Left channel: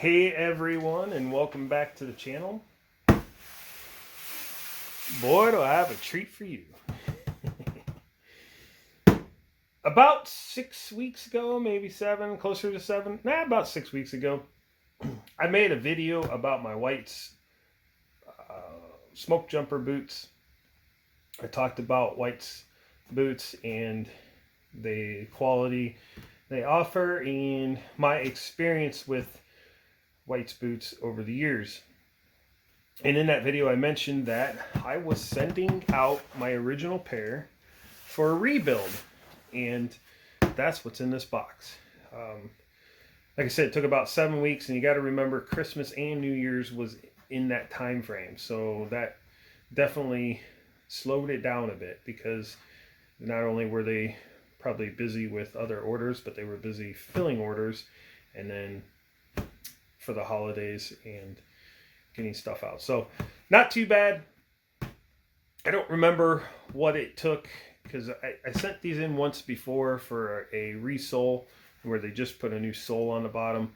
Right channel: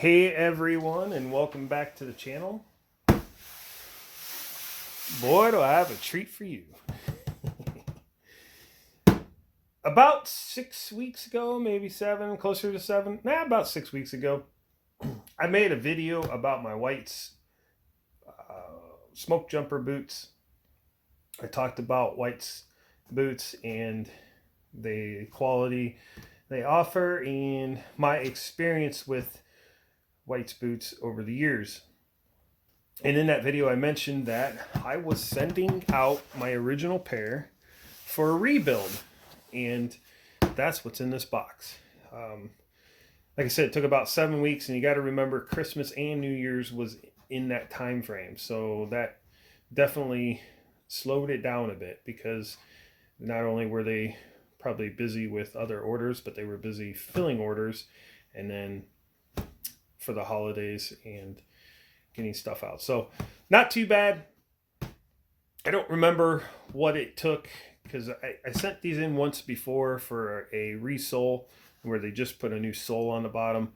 Hey everyone, and welcome back to the channel. Boy, do I have a treat for you. About 6 weeks ago, maybe 7, closer to 7, about 6 weeks ago, I made a video about my White's smoke jumper boots. I talked about White's boots and the quality they offer and my experience with White's boots over the years. And in that video I mentioned that I was sending out my original pair for a rebuild, and that's what's in this box. Like I said, it took about 7 weeks, and you got to remember Christmas and New Year's was in that time frame, so that definitely slowed it down a bit, because not only were they probably busy with other orders, but they were busy filling orders, and then for the holidays and getting stuff out. So not too bad. I don't remember what it took, because I sent these in once before for a resole where they just put a new sole on the bottom,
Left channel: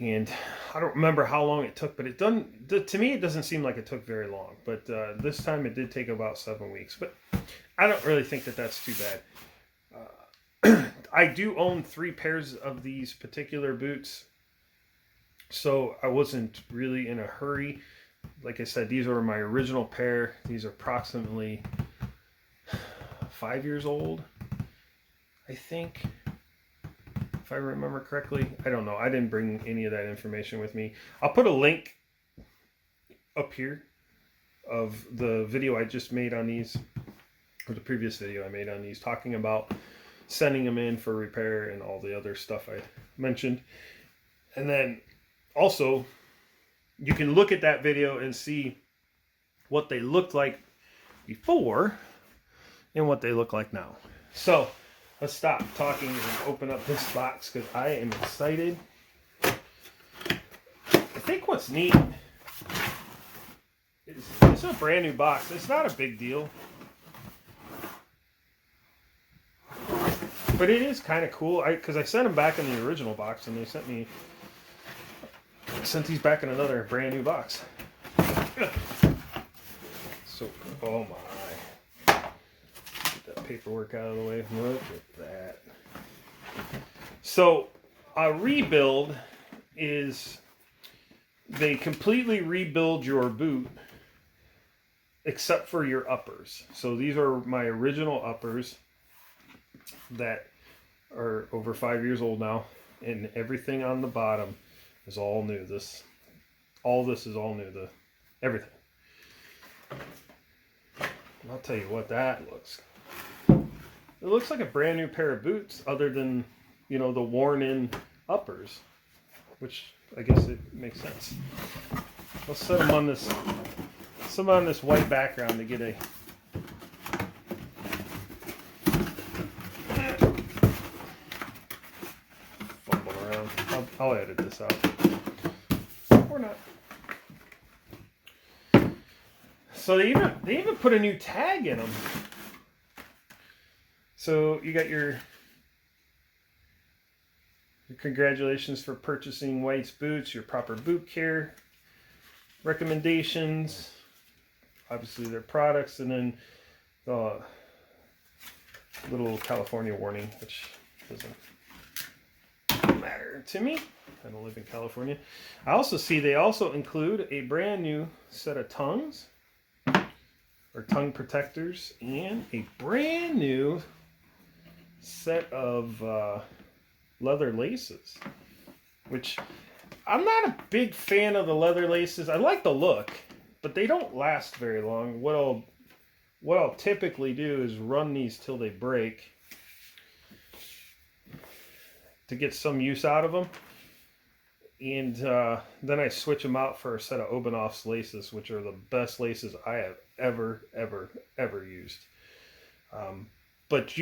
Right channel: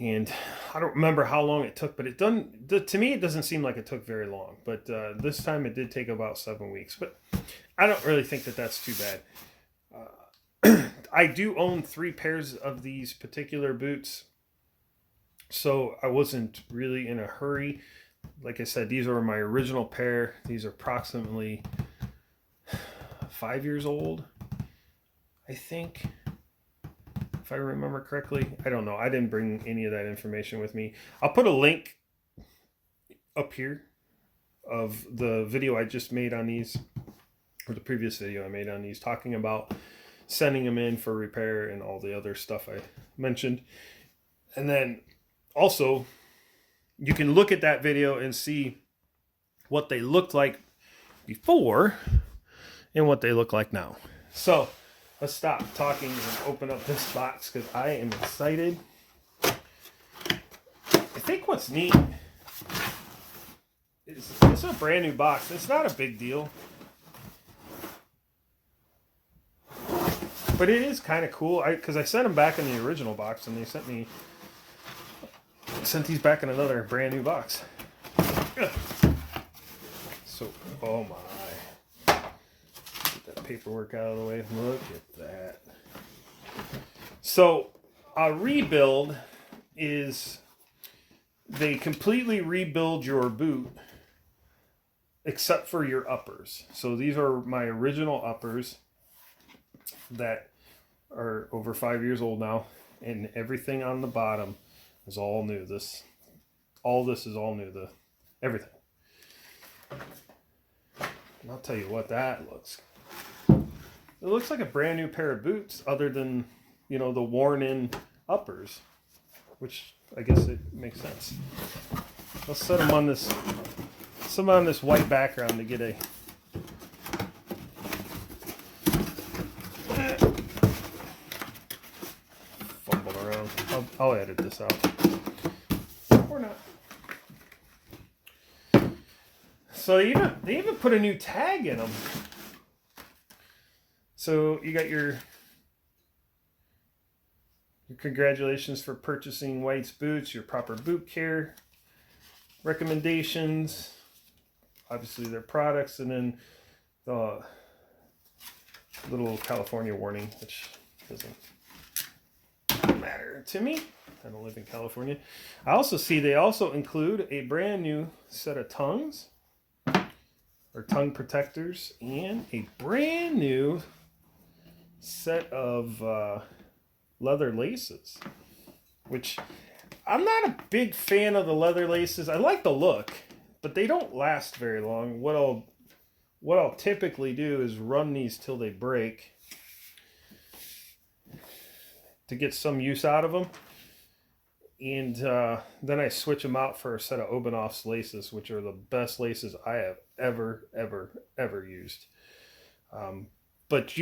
and I don't remember how long it took, but it doesn't, to me it doesn't seem like it took very long. But this time it did take about 7 weeks, but I don't really think that that's too bad. I do own 3 pairs of these particular boots, so I wasn't really in a hurry. Like I said, these are my original pair. These are approximately 5 years old, I think, if I remember correctly. I don't know. I didn't bring any of that information with me. I'll put a link up here of the video I just made on these, or the previous video I made on these, talking about sending them in for repair and all the other stuff I mentioned. And then also, you can look at that video and see what they looked like before and what they look like now. So let's stop talking and open up this box, because I am excited. I think what's neat is it's a brand new box. It's not a big deal, but it is kind of cool, because I sent them back in the original box, and they sent these back in another brand new box. So, oh my. Get that paperwork out of the way. Look at that. So, a rebuild is they completely rebuild your boot except for your uppers. So these are my original uppers that are over 5 years old now, and everything on the bottom is all new. All this is all new. Everything. And I'll tell you what that looks. It looks like a brand new pair of boots, other than, the worn in uppers, which I guess it makes sense. Let's set them on this white background to get a fumble around. I'll edit this out. Or not. So they even put a new tag in them. So you got your congratulations for purchasing White's boots, your proper boot care recommendations, obviously their products, and then the little California warning, which doesn't matter to me. I don't live in California. I also see they also include a brand new set of tongues, or tongue protectors, and a brand new set of leather laces, which I'm not a big fan of the leather laces. I like the look, but they don't last very long. What I'll typically do is run these till they break to get some use out of them, and then I switch them out for a set of P.O.Box laces, which are the best laces I have ever used. But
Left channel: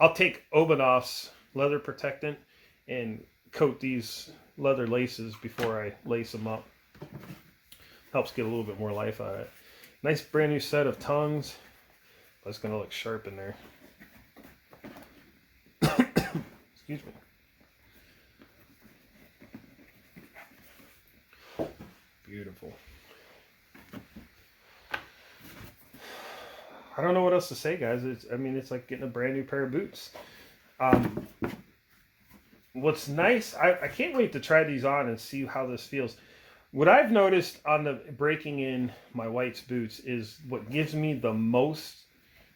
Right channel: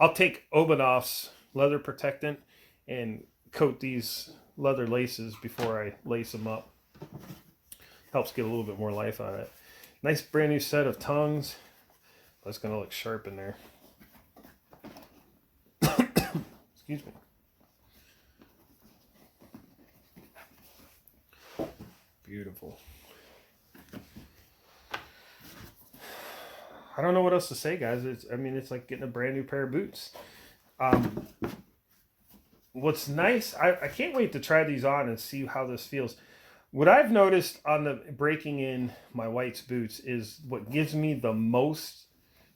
I'll take P.O.Box leather protectant and coat these leather laces before I lace them up. Helps get a little bit more life on it. Nice brand new set of tongues. That's going to look sharp in there. Excuse me. beautiful. I don't know what else to say, guys. I mean, it's like getting a brand new pair of boots. What's nice, I can't wait to try these on and see how this feels. What I've noticed on the breaking in my White's boots is what gives me the most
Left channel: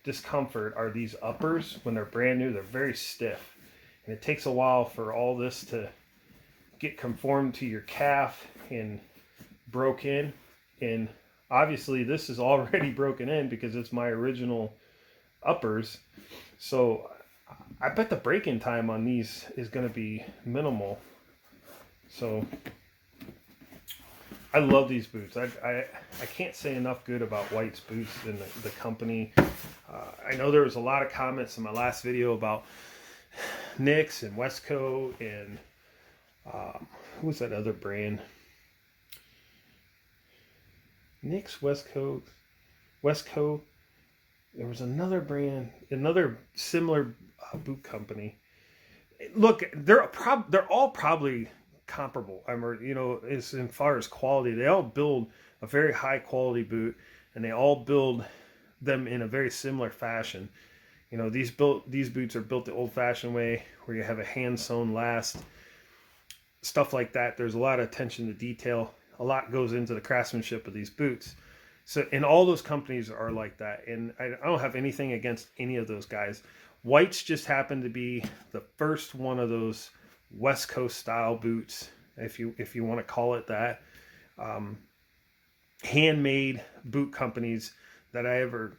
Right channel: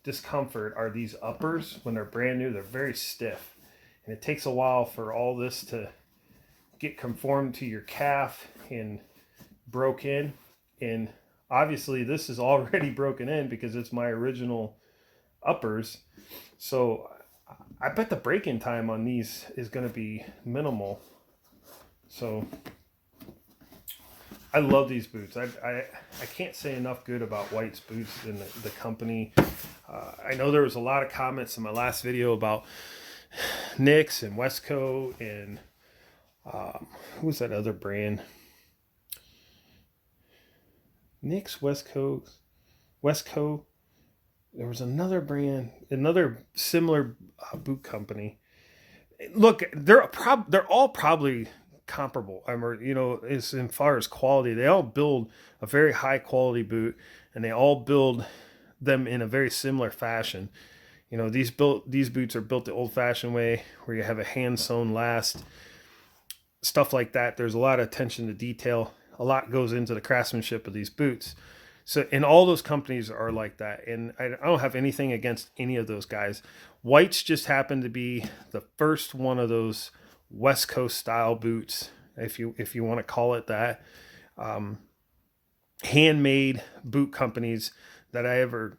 discomfort are these uppers. When they're brand new, they're very stiff. And it takes a while for all this to get conformed to your calf and broke in. And obviously this is already broken in because it's my original uppers. So I bet the break-in time on these is going to be minimal. So I love these boots. I can't say enough good about White's boots and the company. I know there was a lot of comments in my last video about Nicks and Westco and who's that other brand? Nicks, Westco. There was another brand, another similar boot company. Look, they're all probably comparable. As in far as quality, they all build a very high quality boot, and they all build them in a very similar fashion. These boots are built the old-fashioned way, where you have a hand-sewn last, stuff like that. There's a lot of attention to detail. A lot goes into the craftsmanship of these boots. So, and all those companies are like that. And I don't have anything against any of those guys. White's just happened to be the first one of those West Coast style boots, if you want to call it that, handmade boot companies that I ever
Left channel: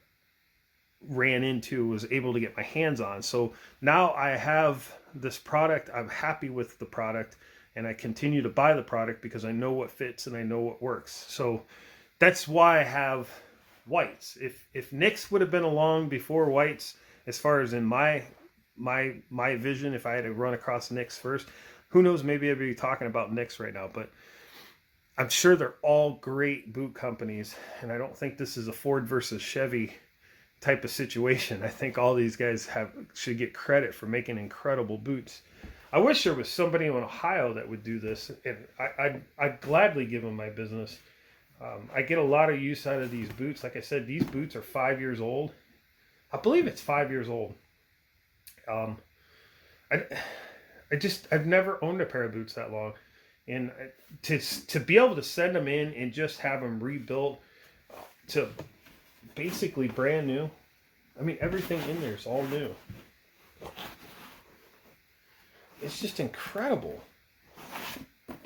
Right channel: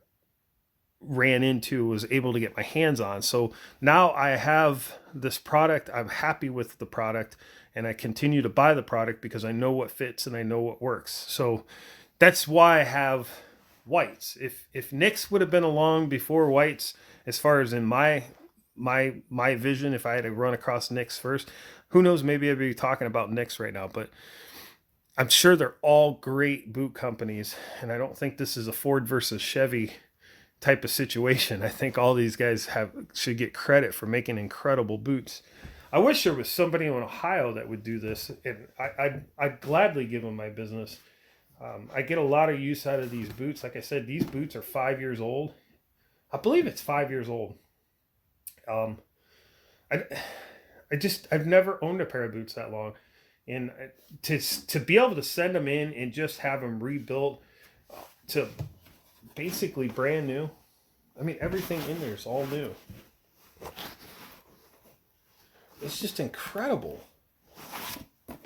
ran into, was able to get my hands on. So now I have this product. I'm happy with the product, and I continue to buy the product because I know what fits and I know what works. So that's why I have Whites. If Nicks would have been along before Whites, as far as in my vision, if I had to run across Nicks first, who knows, maybe I'd be talking about Nicks right now. But I'm sure they're all great boot companies, and I don't think this is a Ford versus Chevy type of situation. I think all these guys should get credit for making incredible boots. I wish there was somebody in Ohio that would do this, and I'd gladly give them my business. I get a lot of use out of these boots. Like I said, these boots are 5 years old. I believe it's 5 years old. I've never owned a pair of boots that long, and to be able to send them in and just have them rebuilt to basically brand new. I mean, everything in there is all new. It's just incredible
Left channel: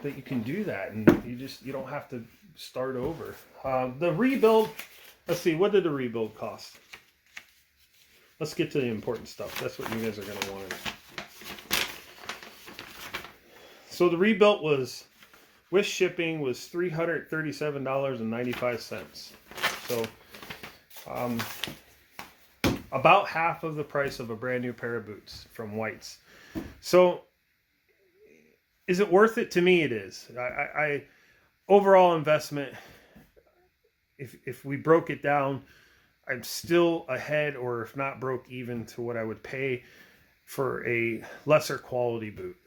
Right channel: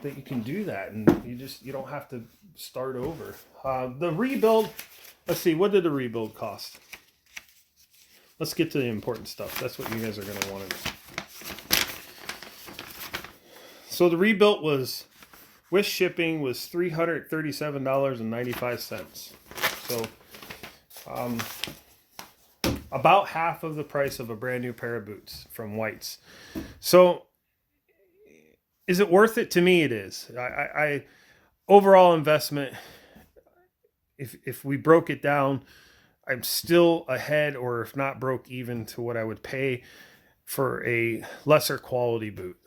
that you can do that, and you don't have to start over. The rebuild, let's see, what did the rebuild cost? Let's get to the important stuff. That's what you guys are going to want to know. So the rebuild was, with shipping, was $337.95. So about half of the price of a brand new pair of boots from White's. So is it worth it? To me, it is. I overall investment, if we broke it down, I'm still ahead, or if not broke even, to what I would pay for a lesser quality boot.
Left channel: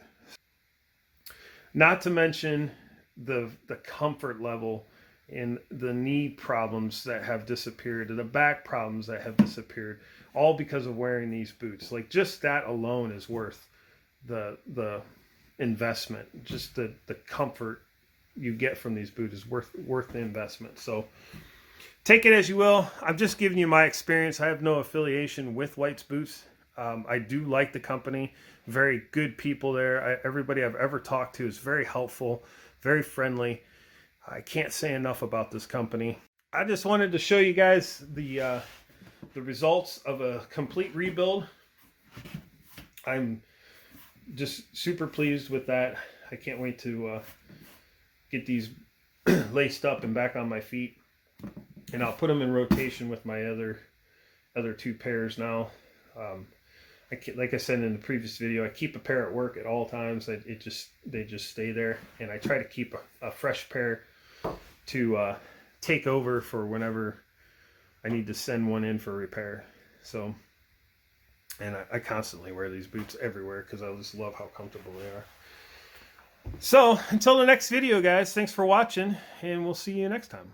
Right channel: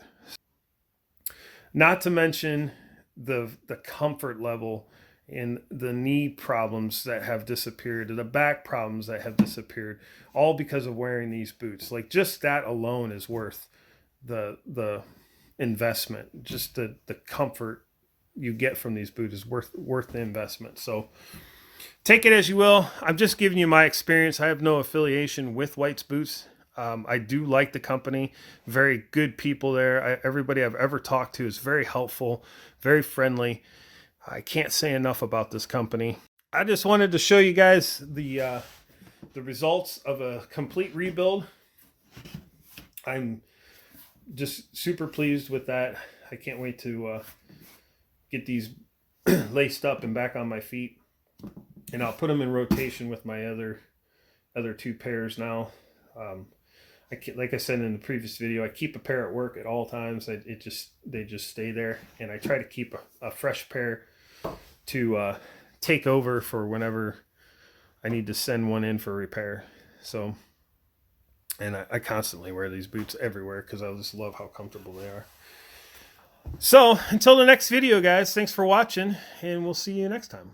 Not to mention the comfort level and the knee problems that have disappeared, and the back problems that have disappeared, all because of wearing these boots. Like, just that alone is worth the investment. Just the comfort you get from these boots is worth the investment. So take it as you will. I'm just giving you my experience. I have no affiliation with White's Boots. I do like the company. Very good people there. Everybody I've ever talked to is very helpful, very friendly. I can't say enough about this company. I just wanted to show you guys the results of a complete rebuild. I'm just super pleased with that. I can't wait to get these laced up and back on my feet, and I'll put them in rotation with my other two pairs now. Like I said in the previous video, I keep a pair at work at all times. They just stay there, and I try to keep a fresh pair to take over for whenever I need to send one in for repair. So, and I constantly wear these boots everywhere because I just love how comfortable they are. So until the next video, guys, thanks for watching, and we'll see you next time.